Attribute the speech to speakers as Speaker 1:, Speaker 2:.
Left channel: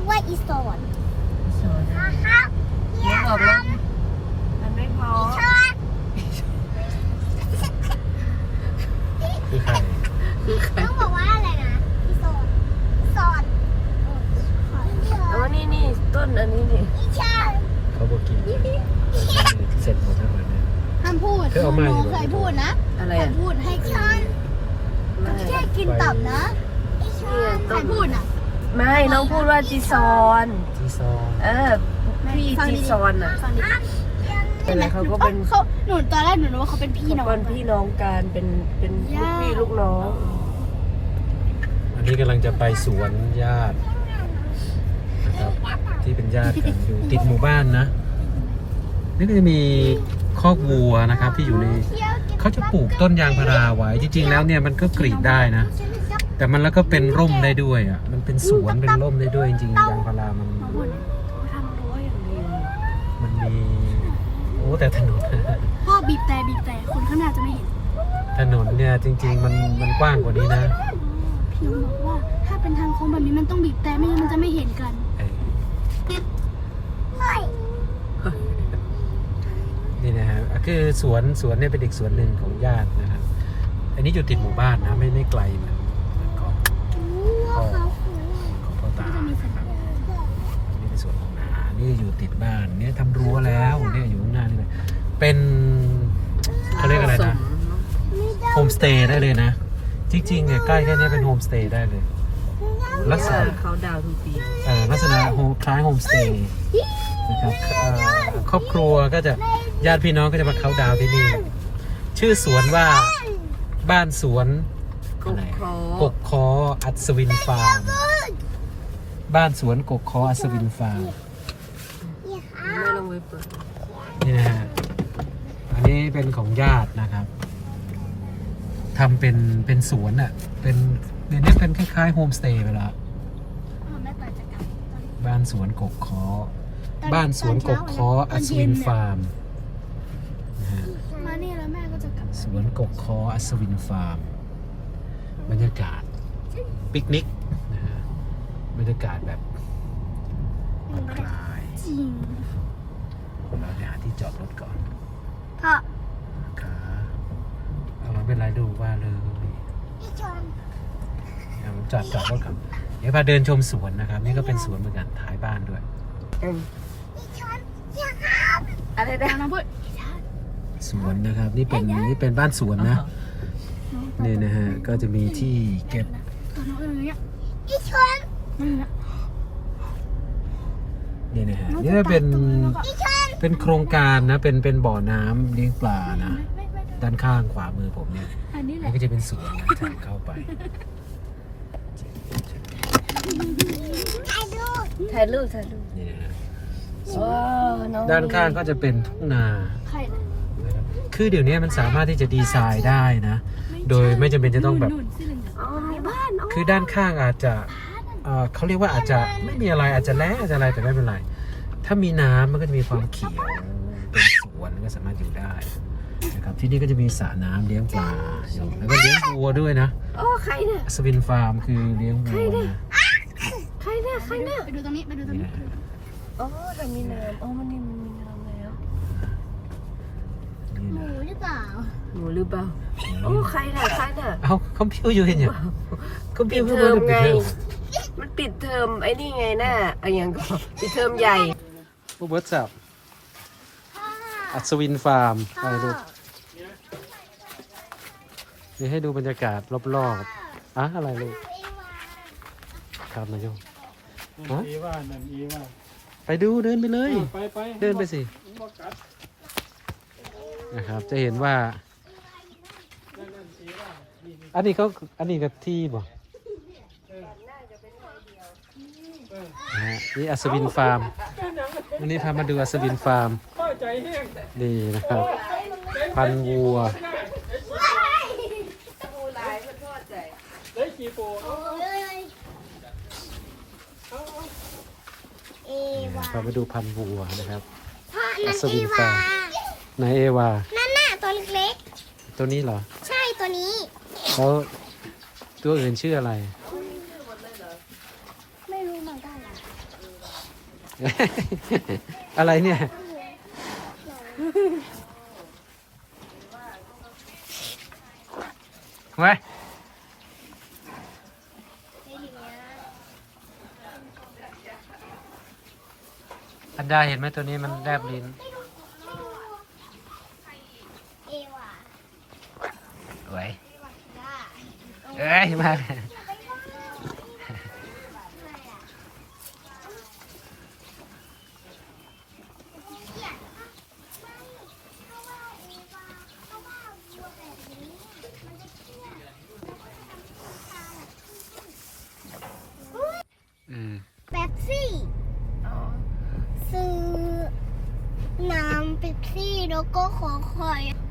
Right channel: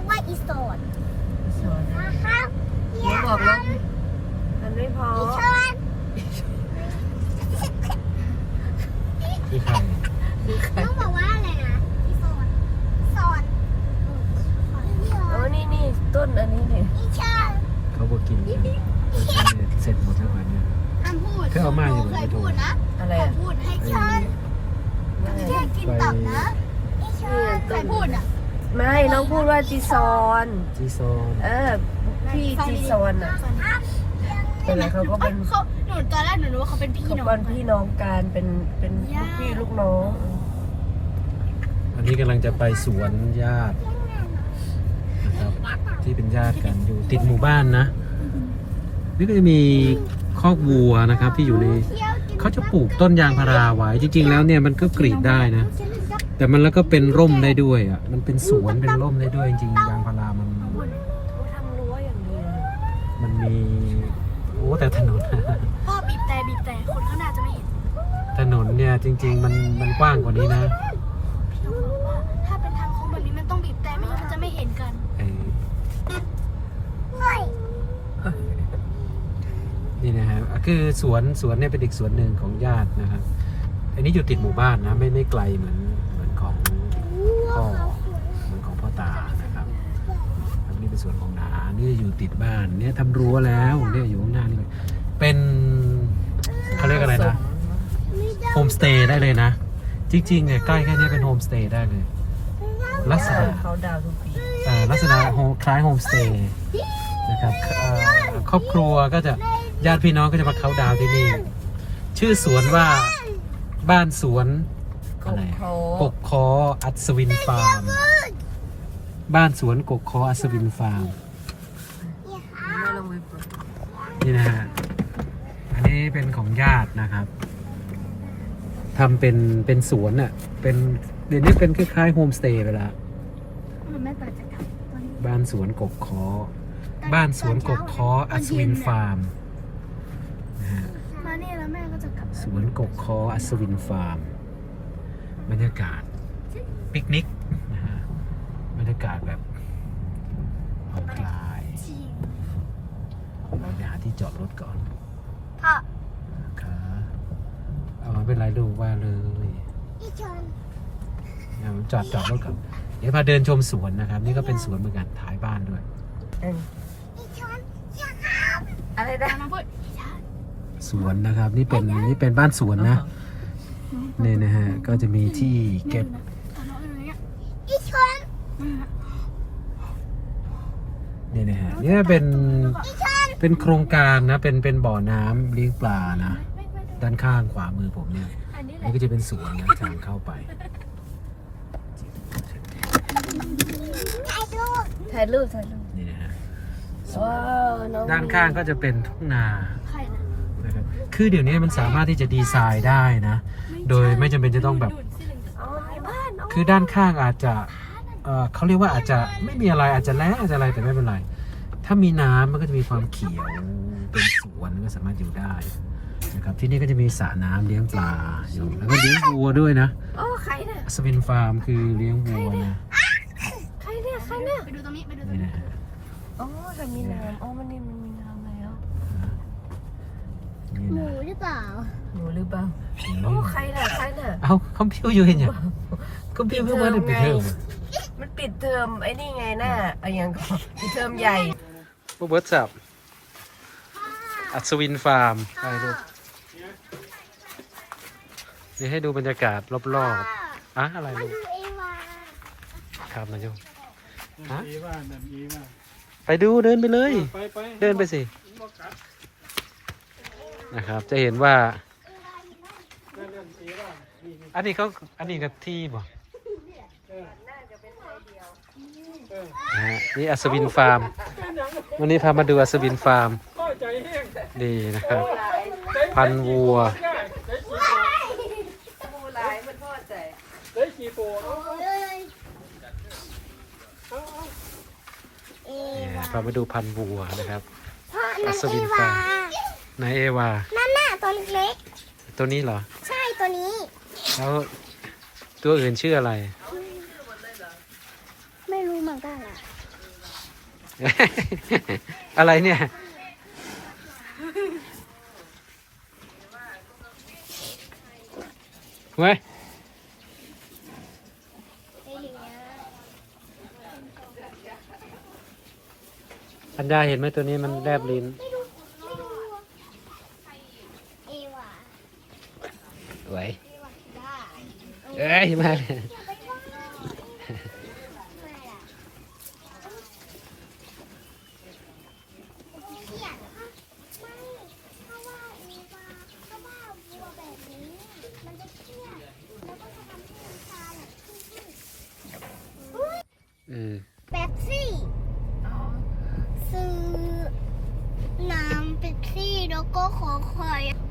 Speaker 1: กว่าอีสอน
Speaker 2: สอน
Speaker 1: ครับ
Speaker 2: หนูบอกแล้วมันไม่พอ
Speaker 1: อีชอน
Speaker 3: คือใคร
Speaker 2: คือใคร
Speaker 1: ต้องบอกว่าอะไรนะอีสอนอีสอนอีสอน
Speaker 2: อ๋อนี่ต้นอันนี้นี่
Speaker 1: อีชอน
Speaker 3: เขาบอกกินกันเสร็จหมดทั้งวันเนี่ย
Speaker 1: ห้ามพูด
Speaker 3: เคยเอามาอยู่
Speaker 1: เคยพูดนะ
Speaker 2: อะไร
Speaker 1: ใคร
Speaker 2: อ่ะ
Speaker 1: พูดให้ชอน
Speaker 2: ไม่
Speaker 1: แค่กินตับนะอีชอนใครพูดอ่ะ
Speaker 2: ไม่น้องพูดว่าจีซอน
Speaker 3: จีซอง
Speaker 2: พี่จีซอนอ่ะอะไรเขาก็เป็น
Speaker 1: เขาหนูตอนแรกหนูนึกว่าเขาเป็นพี่น้อง
Speaker 2: เป็นพี่น้องกันเป็นลูกพี่ลูกน้อง
Speaker 3: อันนี้กำลังจะไปสวนญาตินะครับ ที่เป็นญาติกันอยู่ติดหมู่บ้านนะนี่ก็จะมีคอกวัวนะครับ ที่อยู่ในเขาจะปลูกต้นยางพาราไว้จริงๆแล้วเนี่ยมันก็กรีดได้นะ แต่มันแล้วก็เป็นร่มได้ด้วยอ่ะมันเป็นสวนเป็นร่มได้ด้วยจริงๆยางพารามัน
Speaker 2: เขาทำรั้วอย่างดีเลย
Speaker 3: มันมีโอ้แต่ถนน
Speaker 1: พ่อบีบแต่คนข้างหน้าจะไม่เห็น
Speaker 3: ถนนเนี่ยจริงๆมันกว้างกว่านี้นะ
Speaker 1: พี่น้องบอกว่าถ้าเป็นทางโค้งแบบนี้มันต้องบีบแต่ไม่งั้นมันจะไม่เห็นกัน
Speaker 3: ไอ้นี่นะฮะคือสวนเนี่ยเป็นอีกสวนหนึ่งของญาตินะครับ อันนี้อยู่ติดหมู่บ้านนะไม่ไกลเหมือนของพ่อของพ่อตานะครับอันนี้เป็นสวนของนานี่อยู่ติดบ้านเนี่ยทำรั้วแล้วเนี่ยอยู่ข้างหน้านี่เลยเป็นเขาเรียกอะไรนะโฮมสเตย์ได้เลยนะ จริงๆเนี่ยใกล้แค่นี้เป็นโฮมสเตย์ได้เลย ลักษณะ
Speaker 2: เขาดาวทุกปี
Speaker 3: ลักษณะคล้ายโฮมสเตย์นะครับครอบครัวก็จะญาติพี่น้องก็จะมาเขาน์ดาวน์ที่นี่ ชื่อสวนว่าบ้านสวนอะไรกกคออัศวินฟาร์มบ้านสวนกกคออัศวินฟาร์ม
Speaker 2: ไม่ลองไปเปิด
Speaker 3: นี่นะฮะอันนี้เป็นของญาตินะครับทำเป็นสวนอ่ะเป็นเดี๋ยวนี้เป็นคล้ายๆโฮมสเตย์ไปแล้ว
Speaker 1: แม่เปิดจะกลับ
Speaker 3: บ้านสวนกกคอบ้านสวนกกคออัศวินฟาร์มนะฮะ
Speaker 1: มาเนี่ยแล้วแม่ก็จะกลับ
Speaker 3: สวนกกคออัศวินฟาร์มบรรยากาศปิกนิกนะฮะบรรยากาศแบบผ่อนคลาย
Speaker 1: จริง
Speaker 3: เราจะหาที่จอดรถก่อน
Speaker 1: พ่อ
Speaker 3: ขาเอาเราเป็นไรดูว่าเลย
Speaker 1: พี่ชอน
Speaker 3: เนี่ยมันจอดรถก่อนเดี๋ยวพาเดินชมสวนนะครับ นี่ก็เป็นสวนเหมือนกันท้ายบ้านด้วย
Speaker 1: พี่ชอนอย่าครับ
Speaker 2: อะไรนะ
Speaker 1: น้องพูด
Speaker 3: สวนนะครับนี่เป็นบ้านสวนนะนี่นะฮะก็จะมีที่เก็บ
Speaker 1: พี่ชอน
Speaker 3: นี่นะฮะนี่ก็เป็นโครงการนะเป็นบ่อน้ำเลี้ยงปลานะด้านข้างขวามือผมเนี่ย
Speaker 1: อันนี้แหละ
Speaker 3: นี่ก็จะเป็นสวนนะทางเข้าไป
Speaker 1: ถ่ายรูป
Speaker 2: ถ่ายรูป
Speaker 3: นี่นะฮะ
Speaker 2: ว้าวน้อง
Speaker 3: ด้านข้างก็จะเป็นทุ่งนา
Speaker 1: ใครนะ
Speaker 3: นะครับคือเดี๋ยวนี้มันสามารถที่จะดีไซน์ได้นะ โดยไม่จำเป็นจะต้องแบบ
Speaker 2: อ๋อมีบ้านอ๋อ
Speaker 3: คือด้านข้างอาจจะเขาเรียกว่าอาจจะไม่มีอะไรอาจจะแล้งอาจจะอะไรแต่ไม่เป็นไร ถ้ามีน้ำมันก็จะมีความเขียวเป็นสวนก็สามารถอยู่ได้นะครับที่นี่ก็จะมีสระน้ำเลี้ยงปลาอยู่แล้วก็เลี้ยงวัวด้วยนะ
Speaker 2: อ๋อใครเนี่ย
Speaker 3: อัศวินฟาร์มคือเลี้ยงวัวนะ
Speaker 2: ใครเนี่ย
Speaker 1: ไปดูตรงนี้ไปดูตรง
Speaker 3: นี่
Speaker 1: นี้
Speaker 3: นะ
Speaker 2: อ๋อทำมีน้ำอ๋อมันนี่มันมีน้ำแล้ว
Speaker 3: นี่
Speaker 1: หมู
Speaker 3: นะ
Speaker 1: หรือเปล่า
Speaker 2: หนูหรือเปล่าโอ้ใครเนี่ย
Speaker 3: เอาคอมพิวอยู่เห็นยังคอมพิวเพิ่งมาได้ปิดเทอม
Speaker 2: มันปิดเทอมไอ้นี่ไงน่ะไอ้ยังก็ปิดเทอมใหญ่
Speaker 3: ผู้เบิร์ตสับอัศวินฟาร์มไปดูนี่ให้ดูบรรยากาศรอบๆอะไรลูกครับนายโยมฮะไปดูเดินไปเลย เดินไปสินะครับจะเห็นว่า อันนี้กับที่บ่นะฮะนี่อัศวินฟาร์มวันนี้พามาดูอัศวินฟาร์มนี่นะครับ พันธุ์วัวพามาดูพันธุ์วัวนะครับอัศวินฟาร์มไหนเอวา
Speaker 1: นั่นน่ะตัวเล็ก
Speaker 3: ตัวนี้เหรอ
Speaker 1: ๆใช่ตัวนี้
Speaker 3: แล้วตัวอื่นชื่ออะไร
Speaker 1: ไม่รู้เหมือนมันได้
Speaker 3: อะไรเนี่ยเฮ้ยปัญญาเห็นไหมตัวนี้มันแลบลิ้น
Speaker 1: เอวา
Speaker 3: สวย
Speaker 1: ได้
Speaker 3: เอ้ยมา
Speaker 1: เป๊ปซี่ซื้อน้ำเป๊ปซี่แล้วก็ขอคอย